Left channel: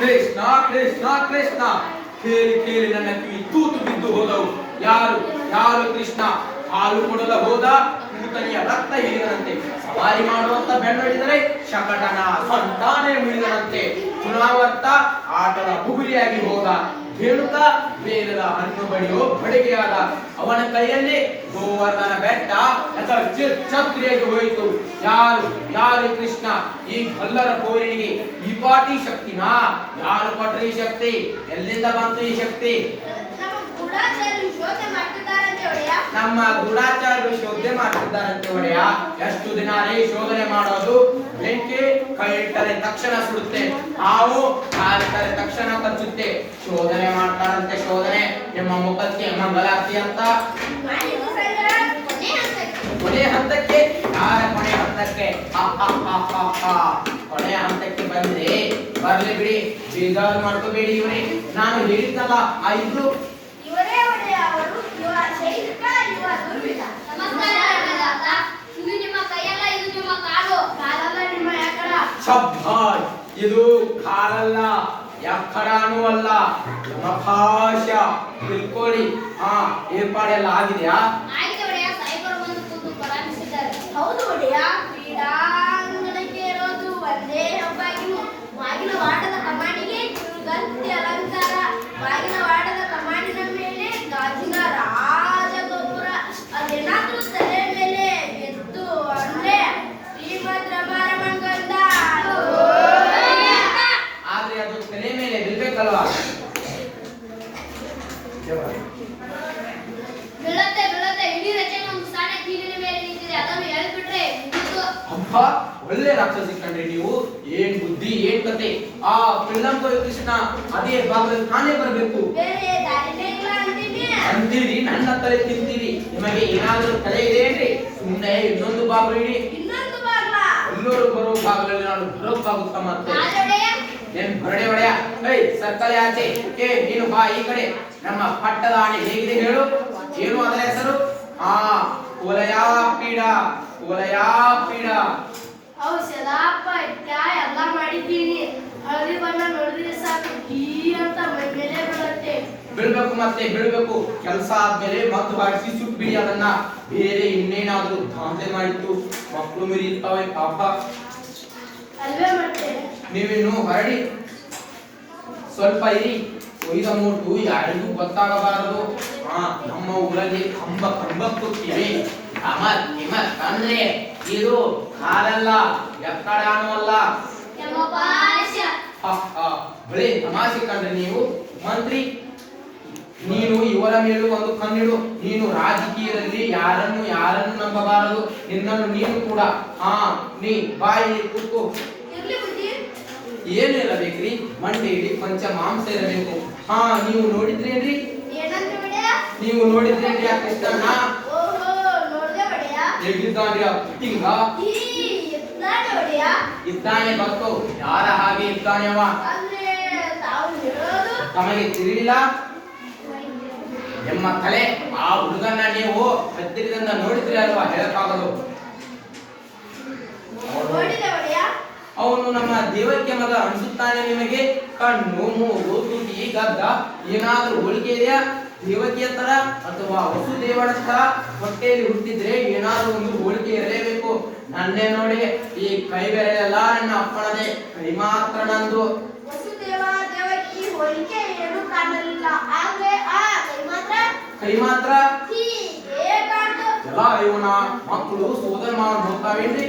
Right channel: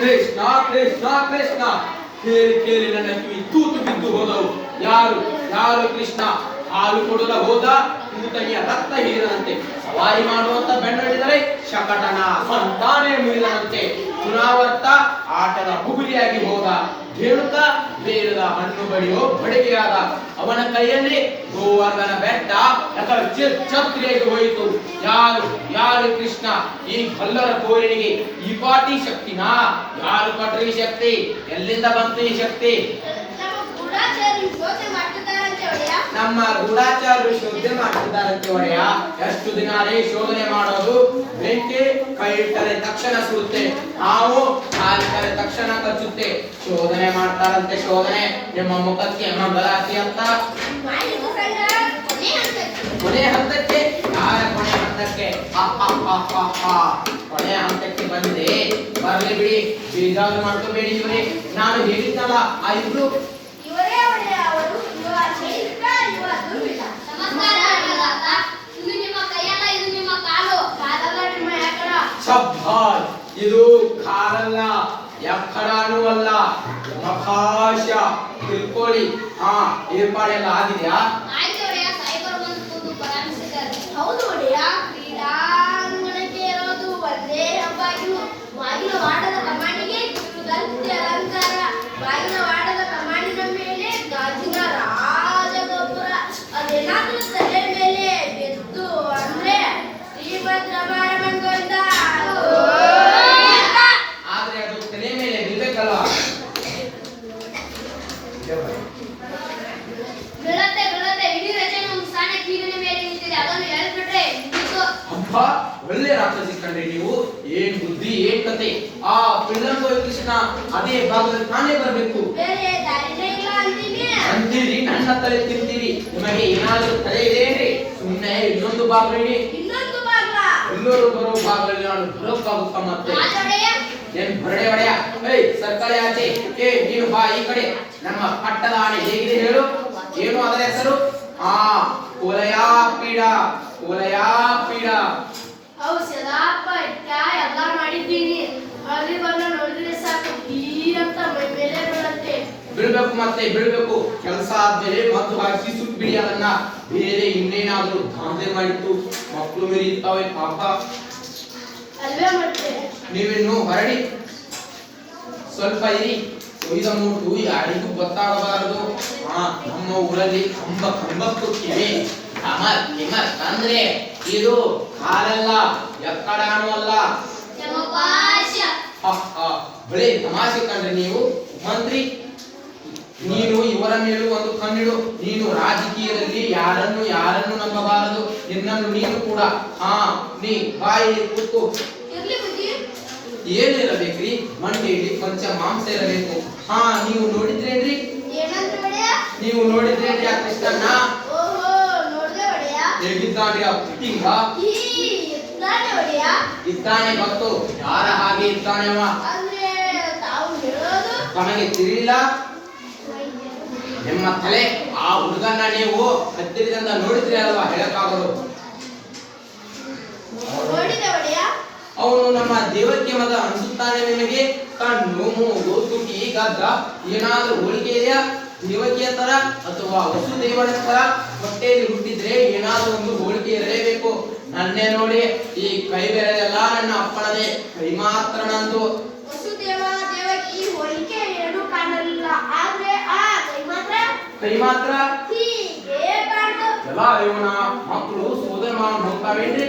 ಕೃಷ್ಣ ಕೃಷ್ಣ ಕೃಷ್ಣ ಕೇಳಿ ಕೇಳಿ ನನ್ನ ಕಿವಿ ತೂತು ಬಿದ್ದು ಹೋದವು. ಯಾರು ಯಾರು ಕೃಷ್ಣ? ಹಾಲು ಕೊಡಲು ಹೋದ ಕೂತನಿಯ ರಕ್ತ ಹೀರಿದಂತೆ, ಸವಾರಿ ಮಾಡುವಂತ ಬೆನ್ನಡಿದರೆ ಶಕಟನ ಸಂತಾನೆ ಮುರಿದನಂತೆ, ಚುನಾವರ್ತ ಆಟದ ಬುಗುರಿಯಾಗಿ ಹೋದ, ಧೇನುಕ ಬೇಲದ ಹಣ್ಣು ಬಡಿಯೋ ಬಡಿಗೆಯಾದ. ಅವನ ಕೈಯಲ್ಲಿ ಗೋವರ್ಧನ ಬೆಟ್ಟ ಛತ್ರಿಯಾಗಿ ಹೋಯಿತು. ಯಾರು ಯಾರು ಕೃಷ್ಣ? ಈ ಕಲ್ಲರ ಕೋರಿನಿಗೆ ಈ ಪಾಟಿ ಶಕ್ತಿನಾ? ಯಾರು ಕೊಟ್ರ ಈ ಶಕ್ತಿ? ಎಲ್ಲಿಂದ ಬಂತು ಈ ಶಕ್ತಿ? ನಮ್ಮ ಗೂಢಾಚಾರ್ಯರು ಶೋಧನೆ ಮಾಡ್ತಿದ್ದಾರಂತೆ ಒಡೆಯ. ಎಷ್ಟು ದಿನ ಶೋಧನೆ ಮಾಡೋದು? ಬೆಂಕಿ ಕೈ ಇಟ್ಟರೆ ತಕ್ಷಣ ಸುಡುತ್ತೆ, ಹಾವು ಕಾಲಿಟ್ಟರೆ ತಕ್ಷಣ ಕಚ್ಚುತ್ತೆ. ಶೋಧನೆ ಮಾಡ್ತಾರಂತೆ ಶೋಧನೆ. ನಿಮ್ಮ ಮುಖಕ್ಕೆ ಮಂಗಲಾತಿ ಅಂತ ಕೊನೆ ಹಂತಕ್ಕೆ. ಯಾರ ಕೊನೆ ಹಂತಕ್ಕೆ? ಕೊನೆ ಹಂತಕ್ಕೆ ಬಂದ್ರೆ ಬರ್ಲಿ ಬಿಡಿ, ಬೇಜಾರು ಮಾಡ್ಕೋಬೇಡಿ. ಇವರೇ ನಾನು ಹೇಳಿದ್ನಲ್ಲ ಆ ಇಬ್ರು ಇದು ಕಾಲಲ್ಲ, ಎಕ್ಕಡನೂ ಅಲ್ಲ, ಮಖಾಶ. ತಿಳ್ಕೊಳ್ಳಿ. ಏರ್ಪಾಡೆಲ್ಲ ಆಗಿದೆಯಾ? ಹೌದು ಒಡೆಯ. ಕ್ರೀಡಾಂಗಣಕ್ಕೆ ಇರೋದು ಒಂದೇ ಬಾಗಿಲು. ಬಾಗಿಲ ವಾಟದ ಕಮಾನಿಗೆ ಕಿರುದಂತೆ ಅಲಂಕಾರ. ಬಾಗಿಲ ವಾಟದ ಕಮಾನಿನ ಮೇಲೆ ಗಾಜಿನ ರಾಜಗೋಪುರ. ಅದೇನಾದ್ರೂ ತಲೆ ಮೇಲೆ ಬಿದ್ದು ಅಂದ್ರೆ ಶ್ರೀಭದ್ರ ಬಾರಮಂಗೊಂಡ. ಆದ್ರೆ ಅದು ತಲೆ ಮೇಲೆ ಬಿಡ್ಬೇಕಲ್ವಾ? ಬೀಳತ್ತೆ ಬೀಳತ್ತೆ. ಇಡೀ ರಚನೆ ಒಂದು ಸಣ್ಣ ಕೀಲಿನ ಮೇಲೆ ನಿಂತಿದೆ. ಅದನ್ನು ಎಳ್ಬಿಟ್ರೆ ಅಬ್ಬ, ಒಳ್ಳೆ ರಾಕ್ಷಸಿ ಕಂಡ್ರಿ ನೀವು. ಏನ್ ಬುದ್ಧಿ, ಏನ್ ಕತೆ. ಆ ಪಿಳ್ಳಂತ ಕೃಷ್ಣ ಅದೇ ಭಾಗದಲ್ಲಿ ತಾನೇ ಬರಬೇಕು. ಬೇರೆ ದಾರಿನೇ ಇಲ್ಲ ಅಂತೀನಿ. ಅಂತೀರಿ, ನನ್ನ ತಲೆ ತಿಂತೀರಿ. ನಿಮಗೆ ಏನಾದರೂ ತಲೆ ಇದೆ ಏನ್ರಿ? ಸುಮ್ಮನೆ ಇನ್ನೊಂದು ಭಾಗ ಇಡಿ. ಇನ್ನೊಂದು ಬಾಗ್ಲ ಎಲ್ಲರೂ ಬರೋ ಭಾಗದಲ್ಲಿ ನಾನು ಬರೋಕ್ಕಾಗುತ್ತ ಮತ್ತೆ? ಏನ್ ಬರಡೆ ಒಡೆಯ? ಸರ್ಕಳೆ ಆಚೆ. ನೀನು ಬಾ ಈ ಕಡೆ. ನಮ್ಮ ಪಟ್ಟದ ಆಣೆ ಹೇಗಿದೆ ಹೇಳು? ಏನು ಅದರ ಹೆಸರು? ಕೋಲಯಾಪೀಡ. ಕೋಲಯಾಪೀಡ ಔಷಧ ಪಟ್ಟ ಎಲ್ಲ ಮಾಡಿದ್ದೀನಿ. ಹಳದಿ ಬಣ್ಣ ನೋಡಿದ್ರೆ ಸಾಕು ಈ ಅಂತ ಮೈ ಮೇಲೆ ಬೀಳತ್ತೆ. ಬೀಳ್ಬೇಕು, ಮತ್ತೆ ಬೀಳ್ಬೇಕು. ಕೆಲಸ ಆದ್ಮೇಲೆ ಮದ್ದು ಹಾಕಿ ಸುಟ್ಟು ಬಿಡಿ ಅದನ್ನ. ಬೇರೆ ಇನ್ನೇನಾದ್ರೂ ದಾಂಧಲೆ ಮಾಡಿತ್ತು ಮಕ್ಕಳು ಮಿರಿತಾವೆ ಪಾಪ. ಅಲ್ವೇ ಮತ್ತೆ ನೀವಿನ್ನು ಹೊರಡಿ, ಸ್ವಲ್ಪ ಇರಿ. ಒಯ್ದ ಮೂಟು ಯಾರಿಗೂ ಗೊತ್ತಾಗಬಾರದು. ನಮ್ಮ ಊರಲ್ಲಿ ಕಂಬಕ್ಕೂ ಕಿವಿ. ಅಮರ್ ಹಿಮರ್ ಅಂದ್ರೆ ಇದು ಕಾಲಲ್ಲ, ಎಕ್ಕಡಾನು ಅಲ್ಲ. ಬಳಿ ತಮಾಷೆ ಕಂಡ್ರೆ ನೀವು ಮಂತ್ರಿ. ನೀನು ಇವರ ಮೇಲೂ ಒಂದು ಕಣ್ಣಿಡು. ನೀನು ರಾಜಕೀಯದಲ್ಲಿ ಯಾರನ್ನು ನಂಬಬಾರದು. ನಿನ್ನನ್ನು ನೀನು ಕೂಡ. ನೀ ಬಾಯಿ ಕೂತು. ಏನು ಇರಬೇಕ್ರಿ? ಮಂಡಿಯಲ್ಲಿ ಪಂಚ ಮಾಂಸ ಇರಬೇಕು. ನೀವು ನೋಡಿದ್ರೇನ್ರಿ? ನೀವು ನೋಡಿದ್ರೇನ್ರಿ ಆ ಕೃಷ್ಣನ್ನ? ಹೇಗಿದ್ದಾನೆ ಆ ಪುಟ್ಟಿಂಗ? ಇದ್ದಾನೆ ಗೊತ್ತು. ಯಾರ ಹಾಗೆ ಇದ್ದಾನೆ ಅವ? ತಮಗೆ ತಿಳಿಲಿಲ್ಲ? ನಿಮ್ಮ ತಲೆ. ಆ ಹುಡುಗನ್ನ ನೀವು ಹತ್ತಿರದಿಂದ ನೋಡಿದ್ರಿ ಅಲ್ವಾ? ಹೇಳಕ್ಕಾಗದು. ಅವನು ನಮ್ಮ ದೇವಕ್ಕೆ ಮಗ ಅನಿಸುತ್ತಾನೆ ನಿಮಗೆ? ಕಣ್ಣು, ಮೂಗು, ತುಟಿ, ಗದ್ದ ಏನಾದ್ರೂ ಹೋಲಿಕೆ ಇದೆಯಾ? ದೇವಕಿಯ ತರ ಅಥವಾ ವಸುದೇವನ ತರ ಹೊಟ್ಟೆಯಲ್ಲಿ ಹುಟ್ಟಿದ್ರೆ ಏನಾದ್ರೂ ಒಂದು ಹೋಲಿಕೆ ಇರಲೇಬೇಕು. ನನ್ನೇ ನೋಡಿ, ಈ ಕೈ ಬೆರಳೆಲ್ಲ ನನ್ನ ಅಪ್ಪಣದೆ, ಕೈ ಮಾತ್ರ ನಂದು. ವಸುದೇವ ದೇವಕಿ ಹೋಲಿಕೆ ಏನು ಕಾಣಲಿಲ್ಲ, ಆದ್ರೆ ಕೈ ಮಾತ್ರ ಎಲ್ಲ ಇವನ ಮಕ್ಕಳು ಸೋದರ ಮಾವನ್ ಹೋಗ್ತಾವೇನ್ರಿ?